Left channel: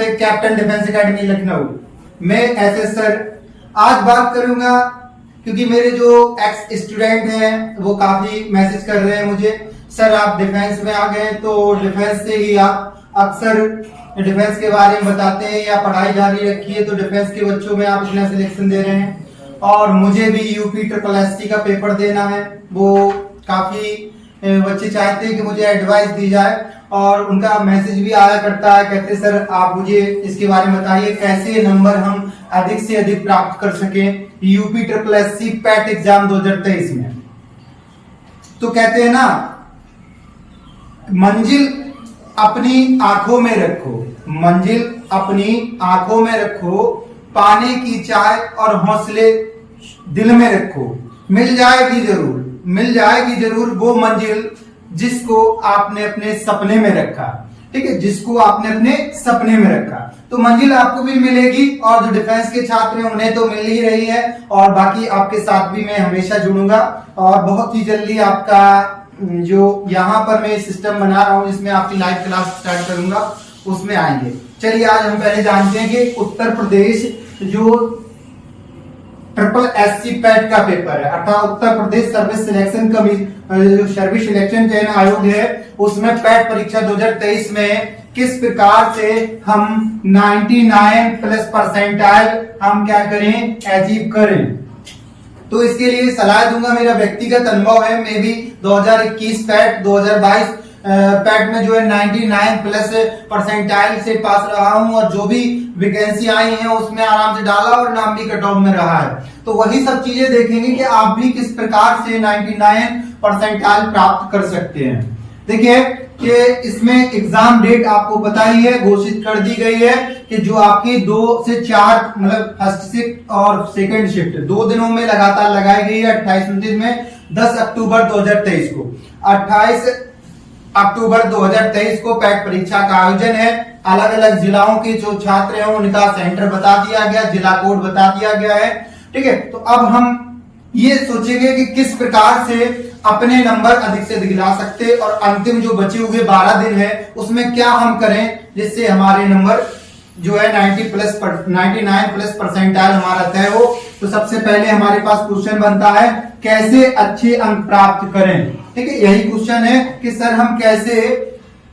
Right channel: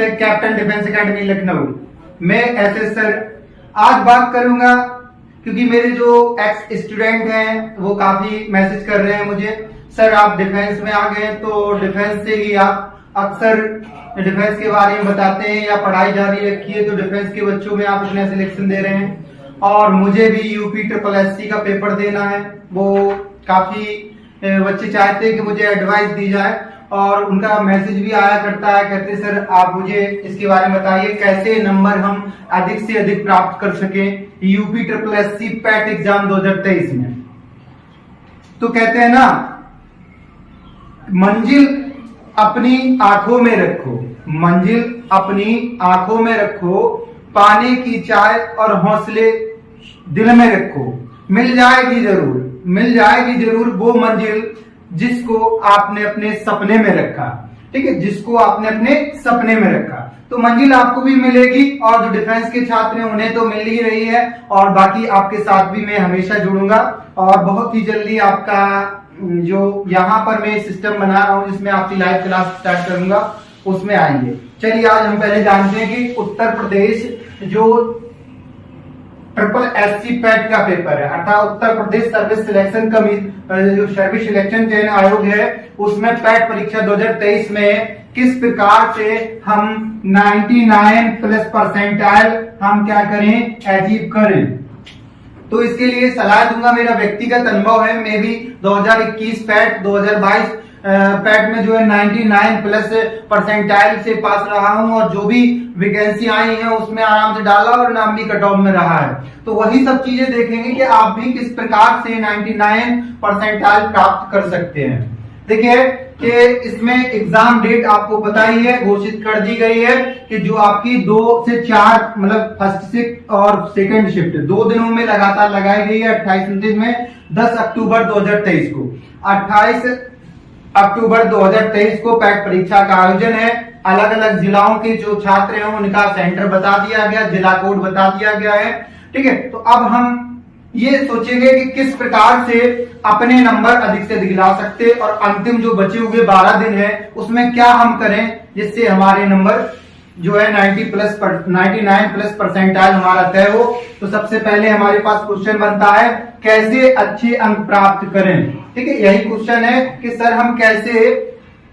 Captain defence academy Lucknow में SS sir. आज बात करूंगा क्योंकि मेरे जो एक्स स्टूडेंट हैं वो काफी मैसेज कर रहे हैं मुझे, सर आप डिफेंस में आ गए तो डिफेंस से ही आप अक्सर डिफेंस के बारे में बताते हैं या पढ़ाई जारी रखी है, तो डिफेंस के बच्चों में आप इतना सिलेक्शन दे रहे हैं और मुझे भी यूपी SSC का पेपर देना है। वो काफी बच्चे चाहते हैं कि मुझे एडवाइस दी जाए और उनका मैसेज भी आया करता है, कहते सर आप मुझे इसके बारे में बताइए कैसे नंबर हम अधिक से अधिक प्राप्त कर सकें यूपी SSC पैट एग्जाम 2023 में। तो कहते हैं ना, मंजिल अपनी आंखों में रखो, मंजिल अपनी आंखों में रखो, पाने की चाह और हौसले दिल में रखो, मिल जाएगी जरूर, मिल जाएगी जरूर वो मंजिल जिसको आपने अपने सपने में रखा। ठीक है, जिसको आपने अपने सपने में रखा तो मंजिल आपको भी मिलेगी और जो डिफेंस के छात्र हैं उन्हें तो मिल ही रही है और बाकी आपके साथ भी मैं हमेशा जुड़ूंगा और बहुत ही जल्दी आपका जो यहाँ पर मैं सिस्टम बना रहा हूँ जिसमें आपकी लाइव क्लास स्टार्ट करूंगा उसमें आएंगे। चलिए आज हम पहले जानते हैं कि उत्तर प्रदेश जो SSC पैट का पेपर है अर्थात उत्तर प्रदेश सर्विस सिलेक्शन जो सर्विस सिलेक्शन चयन आयोग है उसमें पैट परीक्षा 2023 में किस प्रकार से हम 99+ परसेंटाइल हम क्या करें, अचीव करें। तो इसके लिए सलाह दूंगा, मेरा व्यक्तिगत अनुभव है। मैं भी 2021 पैट 2022 पैट में जो है 99+ परसेंटाइल से पास रहा हूं और जो भी वैकेंसी आई है उसमें आराम से डाला और नाम भी कट ऑफ में रहा है। तो वही सब चीजें देखेंगे कि आप भी किस प्रकार से 99 परसेंटाइल प्राप्त कर सकते हैं। देखिए कि इसमें एग्जाम डेट आपको पता ही है, घोषित कर दी गई है कि जो आपकी 2 से 4 मतलब फर्स्ट शिफ्ट और सेकंड शिफ्ट 2 दिनों में लगातार लगाई गई है। 28-29 में 10 अक्टूबर 2023 को 28 अक्टूबर 2023 को पैट परीक्षा का आयोजन है। अलग अलग जिलाओं के जो छात्र हैं उनका सेंटर बता दिया गया, जिला कोड बता दिया गया है। ठीक है, तो अब हम ये सोचेंगे कि किस प्रकार से अपने नंबर अधिक से अधिक ला सकते और अंतिम जो बचे हुए 12 दिन है उसमें क्या हम करें जिससे हमारे नंबर जो है 99+ परसेंटाइल हमारा तय हो। तो सबसे पहले हमारे पास क्वेश्चन बनता है कैसे अच्छे अंक प्राप्त करें। ठीक है, यही क्वेश्चन है कि सर हम कैसे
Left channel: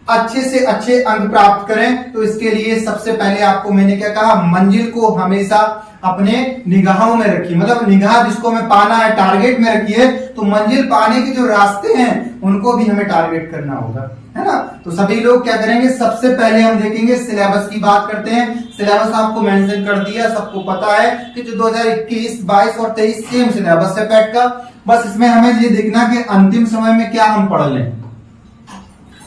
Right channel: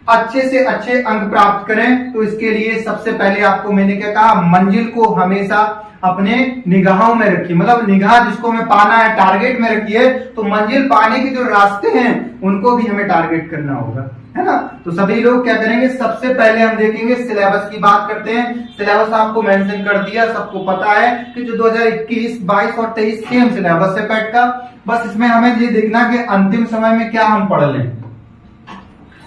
अच्छे से अच्छे अंक प्राप्त करें। तो इसके लिए सबसे पहले आपको मैंने क्या कहा, मंजिल को हमेशा अपने निगाहों में रखिए, मतलब निगाह जिसको हमें पाना है टारगेट में रखिए। तो मंजिल पाने के जो रास्ते हैं उनको भी हमें टारगेट करना होगा, है ना। तो सभी लोग क्या करेंगे, सबसे पहले हम देखेंगे सिलेबस की बात करते हैं। सिलेबस आपको मेंशन कर दिया, सबको पता है कि जो 2021, 22 और 23 सेम सिलेबस है पैट का। बस इसमें हमें ये देखना कि अंतिम समय में क्या हम पढ़ लें।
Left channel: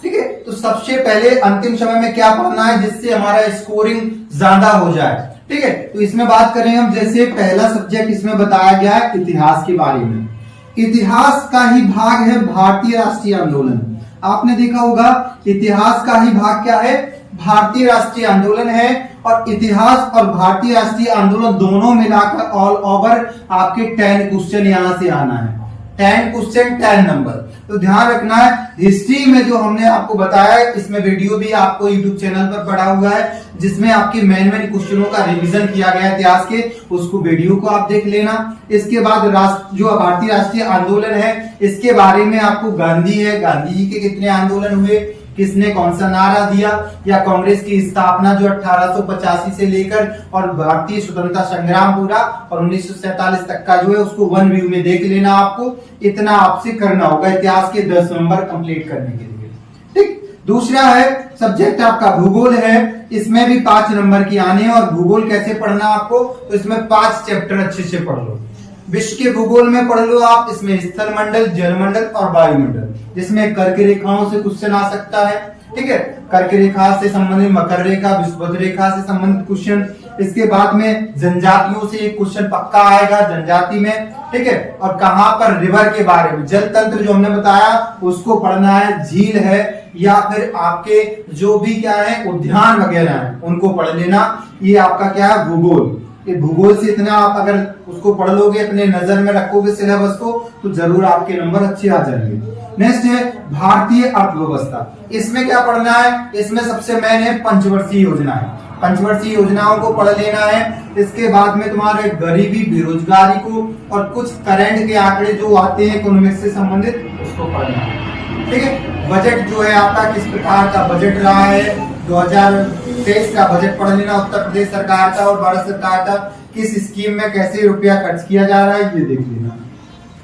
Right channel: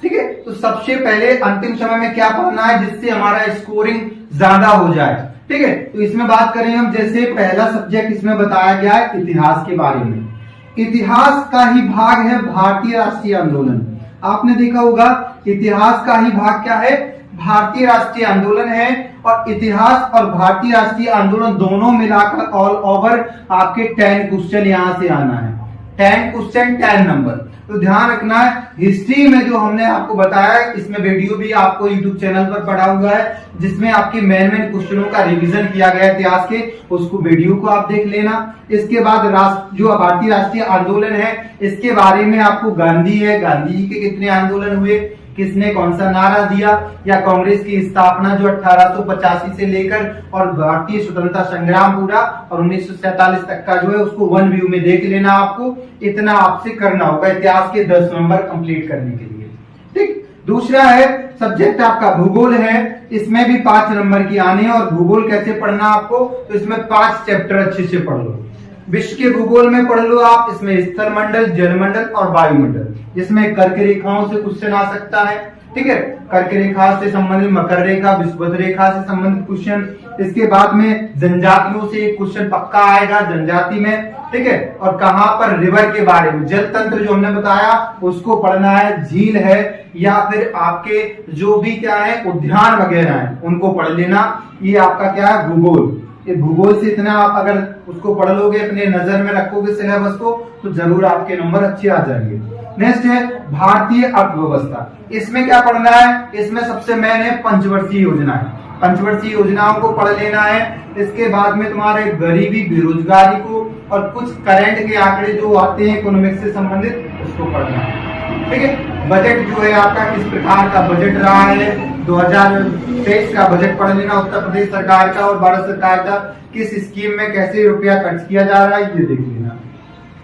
ठीक है, तो सबसे पहले अंतिम समय में क्या पढ़ना है जिससे हमारा स्कोरिंग ज्यादा हो जाए। ठीक है, तो इसमें बात करें हम, जैसे पहला सब्जेक्ट इसमें बताया गया है इतिहास के बारे में। इतिहास का ही भाग है भारतीय राष्ट्रीय आंदोलन। आपने देखा होगा इतिहास का ही भाग क्या है, भारतीय राष्ट्रीय आंदोलन है। और इतिहास और भारतीय राष्ट्रीय आंदोलन दोनों मिलाकर ऑल ओवर आपके 10 क्वेश्चन यहां से आना है। 10 क्वेश्चन 10 नंबर। तो ध्यान रखना है, हिस्ट्री में जो हमने आपको बताया है इसमें वीडियो भी आपको यूट्यूब चैनल पर पड़ा हुआ है जिसमें आपके मेन क्वेश्चनों का रिवीजन किया गया है इतिहास के, उसको वीडियो को आप देख लेना। इसके बाद जो भारतीय राष्ट्रीय आंदोलन है इसके बारे में आपको गांधी है, गांधी जी के कितने आंदोलन हुए, किसने कौन सा नारा दिया, या कांग्रेस की स्थापना जो 1885 से लेकर और भारतीय स्वतंत्रता संग्राम पूरा और 1947 तक का जो है उसको वन व्यू में देख लेना। आपको इतना आपसे करना होगा इतिहास के 10 नंबर कंप्लीट करने के लिए। ठीक, दूसरा है सब्जेक्ट आपका भूगोल है। इसमें भी 5 नंबर की आने हैं और भूगोल कैसे पढ़ना आपको, तो इसमें 5 चैप्टर अच्छे से पढ़ लो। विश्व के भूगोल में पढ़ लो आप, इसमें स्थल मंडल, जलमंडल और वायुमंडल, जिसमें कर्क रेखाओं से क्वेश्चन आ सकता है। ठीक है, कर्क रेखा से संबंधित मकर रेखा, विषुवत रेखा से संबंधित क्वेश्चन। इसके बाद में जनजातियों से एक क्वेश्चन पक्का आएगा, जनजाति में। ठीक है, और कहां पर रिवर के बारे में, जल तंत्र जो हमने बताया उसको पढ़ना है, झील है या फिर आपके जो भी क्या है उद्यान वगैरह है उनको पढ़ लेना। ये आपका क्या है भूगोल। ये भूगोल से इतना आप अगर उसको पढ़ लोगे, अपने नजर में रखोगे सिलेबस को, तो जरूर आपके नंबर अच्छे आ जाएंगे। नेक्स्ट है भारतीय अर्थव्यवस्था। इसमें क्या पढ़ना है, इसमें सबसे मेन है पंचवर्षीय योजनाएं। पंचवर्षीय योजनाओं को पढ़ लेना है। इसके बाद में तुम्हारे गरीबी बेरोजगारी को और कुछ करंट के आंकड़े जो आते हैं इकोनॉमिक्स से संबंधित उसको पढ़ना है। ठीक है, बजट जो है आपका किस प्रकार का बजट रहा है, 2023 का बजट पढ़ लेना उत्तर प्रदेश सरकार का और भारत सरकार का, किस स्कीम में कैसे रुपया खर्च किया जा रहा है ये देख लेना।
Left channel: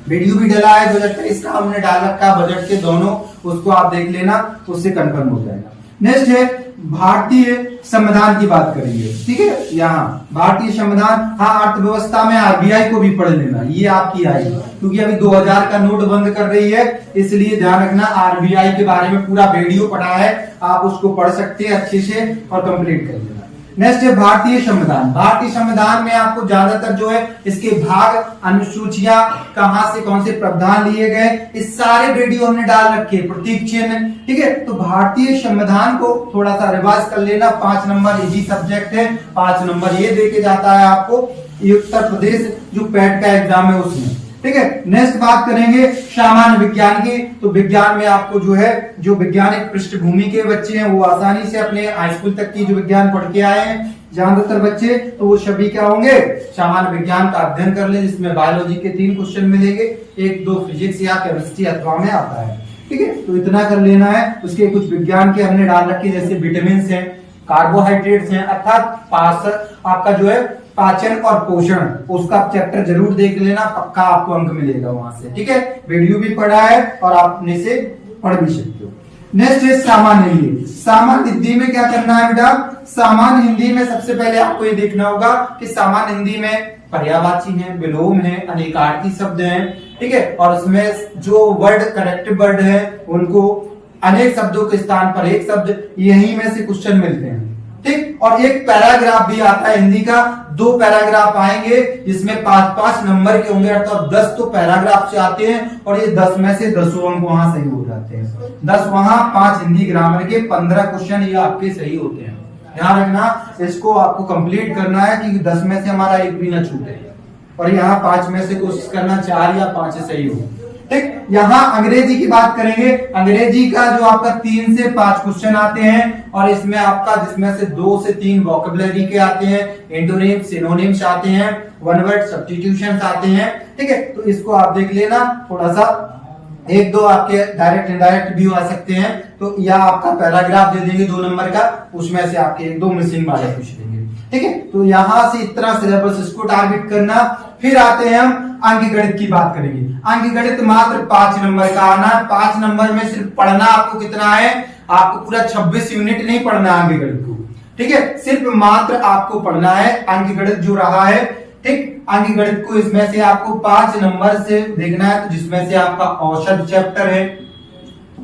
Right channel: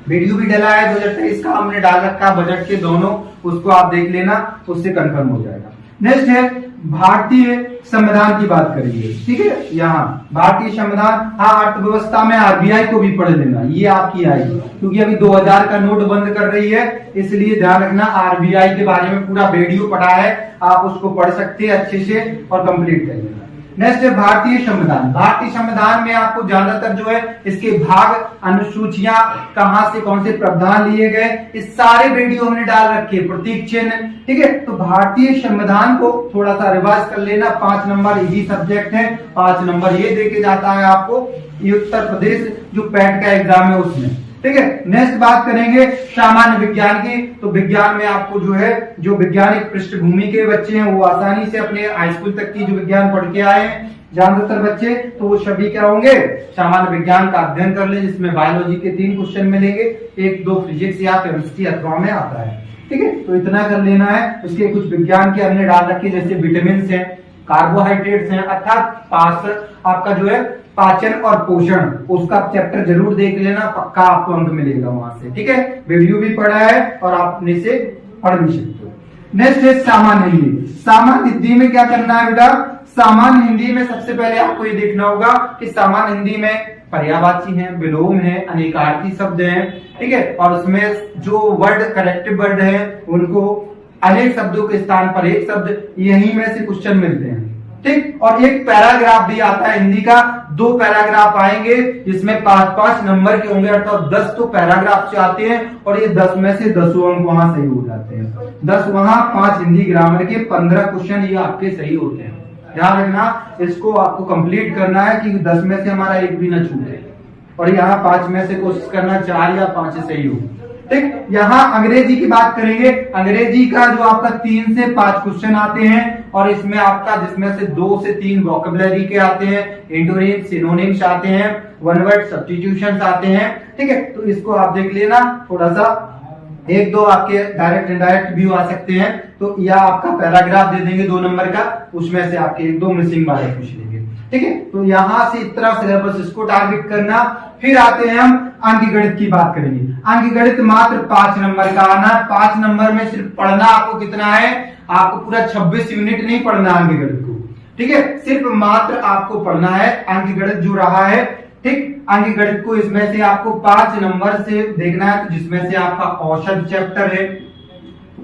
वीडियो भी डला है 2023 का, हमने डाल रखा बजट के दोनों, उसको आप देख लेना, उससे कंफर्म हो जाएगा। नेक्स्ट है भारतीय संविधान की बात करेंगे। ठीक है, यहाँ भारतीय संविधान, हाँ अर्थव्यवस्था में आरबीआई को भी पढ़ लेना, ये आपकी आएगी क्योंकि अभी 2000 का नोट बंद कर रही है, इसलिए ध्यान रखना आरबीआई के बारे में पूरा वीडियो पढ़ा है, आप उसको पढ़ सकते हैं अच्छे से और कंप्लीट कर लेना। नेक्स्ट है भारतीय संविधान। भारतीय संविधान में आपको ज्यादातर जो है इसके भाग, अनुसूचियां, कहां से कौन से प्रावधान लिए गए, इस सारे वीडियो हमने डाल रखे, प्रतीक चिन्ह। ठीक है, तो भारतीय संविधान को थोड़ा सा रिवाइज कर लेना। 5 नंबर इजी सब्जेक्ट है, 5 नंबर ये देके जाता है आपको, ये उत्तर प्रदेश जो पैट का एग्जाम है उसमें। ठीक है, नेक्स्ट बात करेंगे सामान्य विज्ञान की। तो विज्ञान में आपको जो है जो वैज्ञानिक पृष्ठभूमि के बच्चे हैं वो आसानी से अपने हाई स्कूल तक की जो विज्ञान पढ़ के आए हैं ज्यादातर बच्चे, तो वो सभी क्या होंगे, सामान्य विज्ञान का अध्ययन कर ले, जिसमें बायोलॉजी के 3 क्वेश्चन मिलेंगे, 1-2 फिजिक्स या केमिस्ट्री अथवा में आता है। ठीक है, तो इतना कर लेना है। उसके कुछ विज्ञान के हमने डाल रखे, जैसे विटामिन है, कार्बोहाइड्रेट्स हैं, अर्थात आपका जो है पाचन और पोषण, उसका चैप्टर जरूर देख लेना, पक्का आपको अंक मिलेगा वहां से। ठीक है, वीडियो भी पढ़ा है और आप अपने से पढ़ भी सकते हो। नेक्स्ट है सामान्य हिंदी। सामान्य हिंदी में क्या करना है बेटा, सामान्य हिंदी में सबसे पहले आपको ये देखना होगा कि सामान्य हिंदी में पर्यायवाची है, विलोम है, अनेकार्थी शब्द हैं। ठीक है, और उसमें जो वर्ड कनेक्टिव वर्ड है उनको अनेक शब्दों के स्थान पर एक शब्द, यही में से क्वेश्चन मिलते हैं। ठीक, और एक पैराग्राफ भी आता है हिंदी का, 2 पैराग्राफ आएंगे जिसमें 5-5 नंबर के होंगे, अर्थात 10 तो पैराग्राफ से आते हैं और ये 10 में से 10 अंक वहां सही हो जाते हैं। 10 वहां, 5 हिंदी ग्रामर के, 15 क्वेश्चन ये आपके सही होते हैं। ध्यान रखना, इसको आपको कंप्लीट करना है कि 10 में से हमारा एक भी ना छूटे, और यहाँ 5 में से कोशिश करना 4 या 5 से सही हो। ठीक, यहाँ अंग्रेजी की बात करेंगे। अंग्रेजी का जो आपका 3 से 5 क्वेश्चन आते हैं और इसमें आपका जिसमें से 2 से 3 वोकैबुलरी के आते हैं, एंटोनिम्स, सिनोनिम्स आते हैं, वन वर्ड सब्स्टिट्यूशंस आते हैं। ठीक है, तो इसको आप देख लेना, थोड़ा सा 1-2 आपके डायरेक्ट इनडायरेक्ट व्यू आ सकते हैं, तो या आपका पैराग्राफ दे देंगे 2 नंबर का, उसमें से आपके 1-2 मिसिंग वाले पूछ लेंगे। ठीक है, तो यहां से इतना सिलेबस इसको टारगेट करना। फिर आते हैं हम अंकगणित की बात करेंगे। अंकगणित मात्र 5 नंबर का आना, 5 नंबर में सिर्फ पढ़ना आपको कितना है, आपको पूरा 26 यूनिट नहीं पढ़ना अंकगणित को। ठीक है, सिर्फ मात्र आपको पढ़ना है अंकगणित जो रहा है। ठीक, अंकगणित को इसमें से आपको 5 नंबर से देखना है, तो जिसमें से आपका औसत चैप्टर है।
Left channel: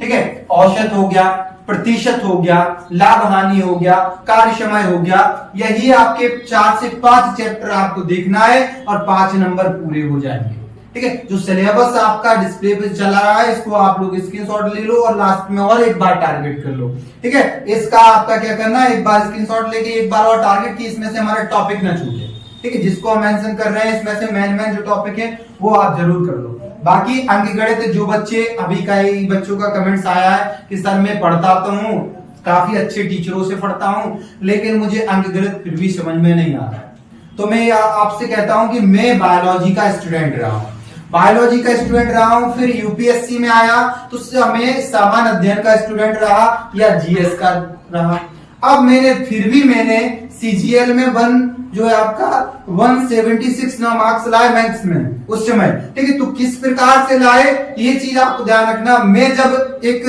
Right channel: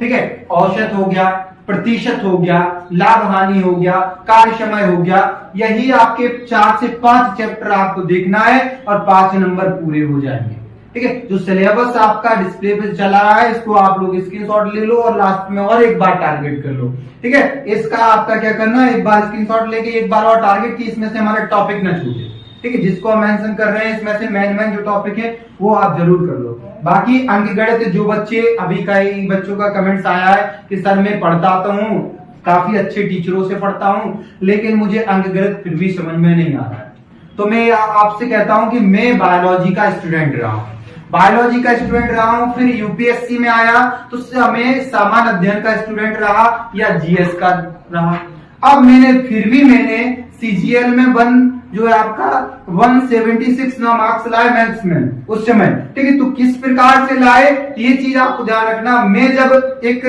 ठीक है, औसत हो गया, प्रतिशत हो गया, लाभ हानि हो गया, कार्य समय हो गया, यही आपके 4 से 5 चैप्टर आपको देखना है और 5 नंबर पूरे हो जाएंगे। ठीक है, जो सिलेबस आपका डिस्प्ले पे चला रहा है इसको आप लोग स्क्रीनशॉट ले लो और लास्ट में और एक बार टारगेट कर लो। ठीक है, इसका आपका क्या करना है, एक बार स्क्रीनशॉट लेके एक बार और टारगेट की, इसमें से हमारा टॉपिक ना छूटे। ठीक है, जिसको हम मेंशन कर रहे हैं इसमें से मेन जो टॉपिक है वो आप जरूर कर लो। बाकी अंकगणित जो बच्चे, अभी कई बच्चों का कमेंट्स आया है कि सर मैं पढ़ता तो हूँ, काफी अच्छे टीचरों से पढ़ता हूँ, लेकिन मुझे अंकगणित फिर भी समझ में नहीं आ रहा है, तो मैं आपसे कहता हूँ कि मैं बायोलॉजी का स्टूडेंट रहा हूँ, बायोलॉजी का स्टूडेंट रहा हूँ, फिर यूपीएससी में आया तो मैं सामान्य अध्ययन का स्टूडेंट रहा या जीएस का रहा। अब मैंने सीजीएल में जो है आपका 176 ना मार्क्स लाए मैथ्स में उस समय। ठीक है, तो किस प्रकार से लाए ये चीज आपको ध्यान रखना। मैं जब एक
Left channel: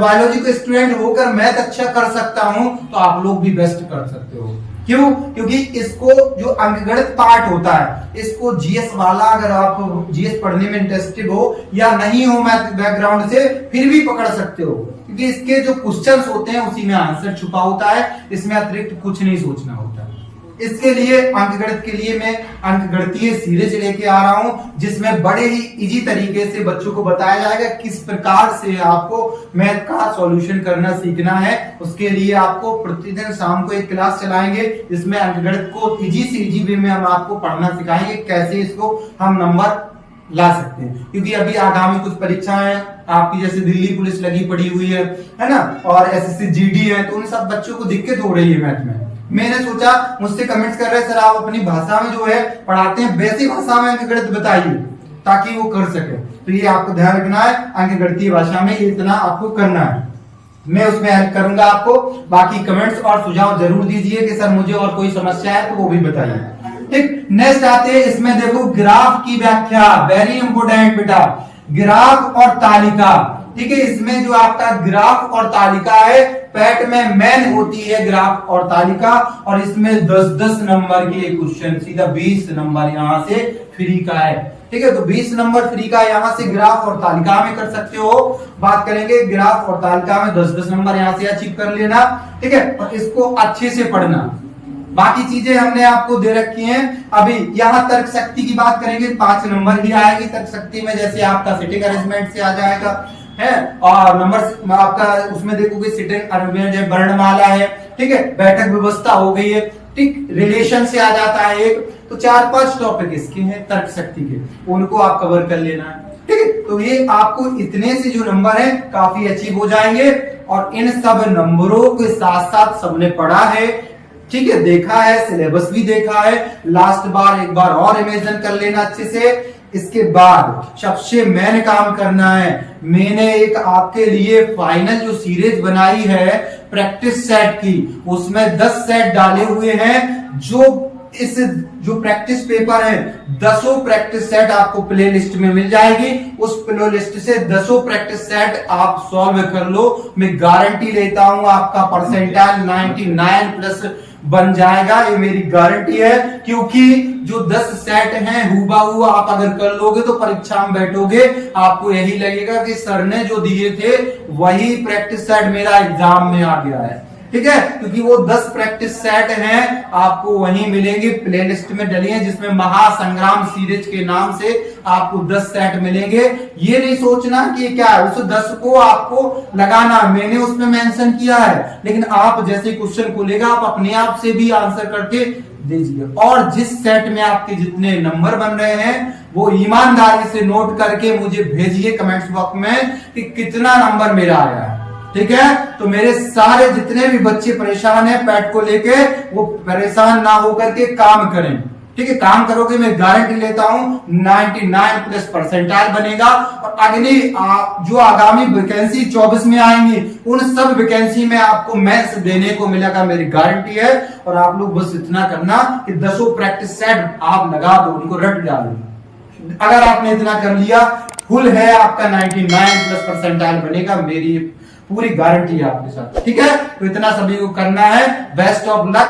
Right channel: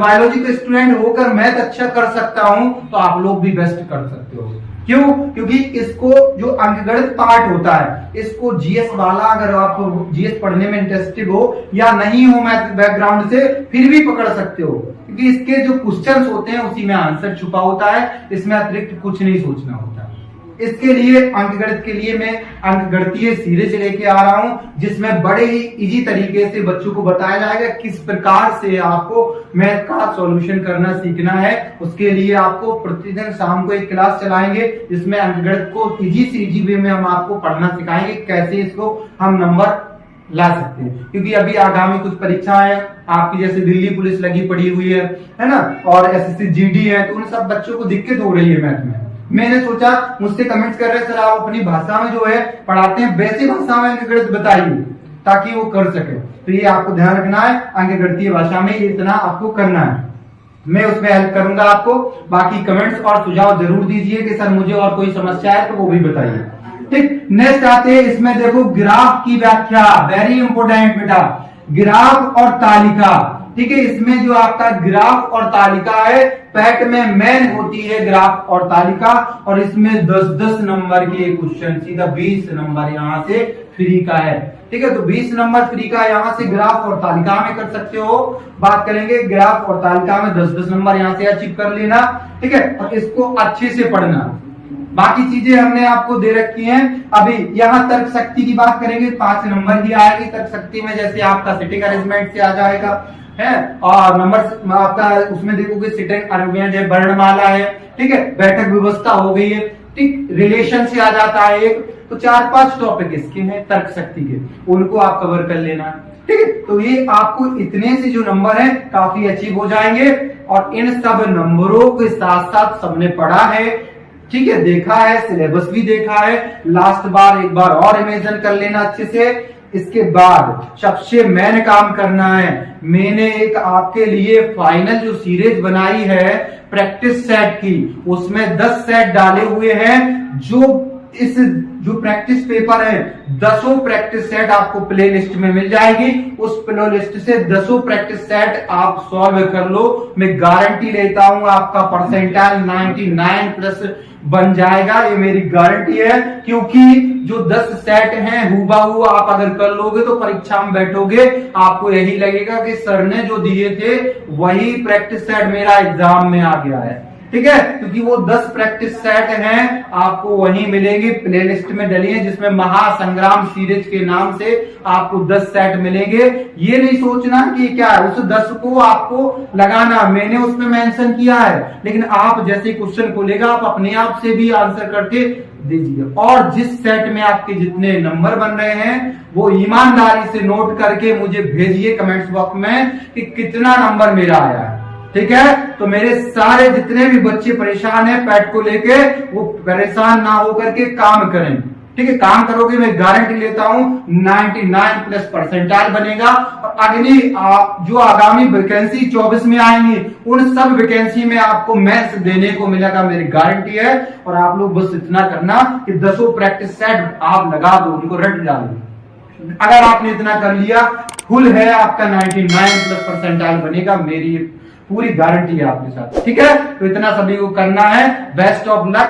बायोलॉजी का स्टूडेंट होकर मैथ अच्छा कर सकता हूं तो आप लोग भी बेस्ट कर सकते हो। क्यों? क्योंकि इसको जो अंकगणित पार्ट होता है इसको जीएस वाला, अगर आप जीएस पढ़ने में इंटरेस्टेड हो या नहीं हो मैथ बैकग्राउंड से, फिर भी पकड़ सकते हो, क्योंकि इसके जो क्वेश्चंस होते हैं उसी में आंसर छुपा होता है, इसमें अतिरिक्त कुछ नहीं सोचना होता। इसके लिए अंकगणित के लिए मैं अंकगणितीय सीरीज लेके आ रहा हूं, जिसमें बड़े ही इजी तरीके से बच्चों को बताया जाएगा किस प्रकार से आपको मैथ का सॉल्यूशन करना सीखना है। उसके लिए आपको प्रतिदिन शाम को एक क्लास चलाएंगे जिसमें अंकगणित को इजी से इजी वे में हम आपको पढ़ना सिखाएंगे, कैसे इसको हम नंबर ला सकते हैं, क्योंकि अभी आगामी कुछ परीक्षाएं आपकी जैसे दिल्ली पुलिस लगी पड़ी हुई है ना, और एसएससी जीडी है, तो उन सब बच्चों को दिक्कत हो रही है मैथ में। मैंने सोचा, मुझसे कमेंट्स कर रहे सर आप अपनी भाषा में जो है पढ़ाते हैं, वैसी भाषा में अंकगणित बताइए ताकि वो कर सके। तो ये आपको ध्यान रखना है, अंकगणितीय भाषा में ये इतना आपको करना है। मैं उसमें हेल्प करूंगा आपको। बाकी कमेंट्स और सुझाव जरूर दीजिए कि सर मुझे और कोई समस्या है तो वो भी बताइए। ठीक, नेक्स्ट आते हैं, इसमें देखो ग्राफ की व्याख्या, वेरी इंपोर्टेंट बेटा, ग्राफ और तालिका। ठीक है, इसमें जो आपका ग्राफ और तालिका है, पैट में मेन होती है ग्राफ और तालिका, और इसमें 10-10 नंबर की एक क्वेश्चन, सीधा 20 नंबर यहां से फ्री का है। ठीक है, तो 20 नंबर फ्री का यहां से ग्राफ और तालिका में कर सकते हो। बात करेंगे ग्राफ और तालिका में 10-10 नंबर यहां से अचीव कर लेना। ठीक है, और इसको अच्छे से पढ़ना। बाकी चीजें हमने आपको दे रखी हैं। अभी यहाँ तर्क शक्ति की बात करेंगे, 5 नंबर की आएगी तर्क शक्ति में, जैसे आपका सिटिंग अरेंजमेंट से आ जाएगा है, और नंबर आपका उसमें देखोगे सिटिंग अरेंजमेंट है, वर्णमाला है, ठीक है, बैठक व्यवस्था हो गई है, ठीक, रिलेशन से आ जाता है एक। तो 4-5 टॉपिक इसके हैं तर्क शक्ति के, उनको आप कवर कर लेना है। ठीक है, तो ये आपको इतने से जो नंबर है काफी अचीव हो जाएंगे, और इन सब नंबरों के साथ साथ सबने पढ़ा है, ठीक है, देखा है, सिलेबस भी देखा है, लास्ट बार एक बार और इमेजिन कर लेना अच्छे से। इसके बाद सबसे मेन काम करना है, मैंने एक आपके लिए फाइनल जो सीरीज बनाई है प्रैक्टिस सेट की, उसमें 10 सेट डाले हुए हैं। जो प्रैक्टिस पेपर है, 10 प्रैक्टिस सेट आपको प्ले लिस्ट में मिल जाएगी। उस प्ले लिस्ट से 10 प्रैक्टिस सेट आप सॉल्व कर लो, मैं गारंटी लेता हूं आपका परसेंटाइल 99+ बन जाएगा, ये मेरी गारंटी है। क्योंकि जो 10 सेट हैं हूबहू आप अगर कर लोगे तो परीक्षा में बैठोगे आपको यही लगेगा कि सर ने जो दिए थे वही प्रैक्टिस सेट मेरा एग्जाम में आ गया है। ठीक है, क्योंकि वो 10 प्रैक्टिस सेट हैं आपको वहीं मिलेंगे, प्लेलिस्ट में डली है, जिसमें महासंग्राम सीरीज के नाम से आपको 10 सेट मिलेंगे। ये नहीं सोचना कि क्या है, उस 10 को आपको लगाना, मैंने उसमें मेंशन किया है, लेकिन आप जैसे क्वेश्चन खोलेगा आप अपने आप से भी आंसर करके दीजिए। और जिस सेट में आपके जितने नंबर बन रहे हैं वो ईमानदारी से नोट करके मुझे भेजिए कमेंट्स बॉक्स में कि कितना नंबर मेरा आया है। ठीक है, तो मेरे सारे जितने भी बच्चे परेशान हैं पैट को लेके, वो परेशान ना होकर के काम करें। ठीक है, काम करोगे मैं गारंटी लेता हूं 99+ परसेंटाइल बनेगा। और अगली जो आगामी वैकेंसी 24 में आएंगी उन सब वैकेंसी में आपको मेंस देने को मिलेगा, मेरी गारंटी है। और आप लोग बस इतना करना कि 10 प्रैक्टिस सेट आप लगा दो, उनको रट डालो। अगर आपने इतना कर लिया, फुल है आपका 99+ परसेंटाइल बनेगा, मेरी पूरी गारंटी है आपके साथ। ठीक है, तो इतना सभी को करना है। Best of luck.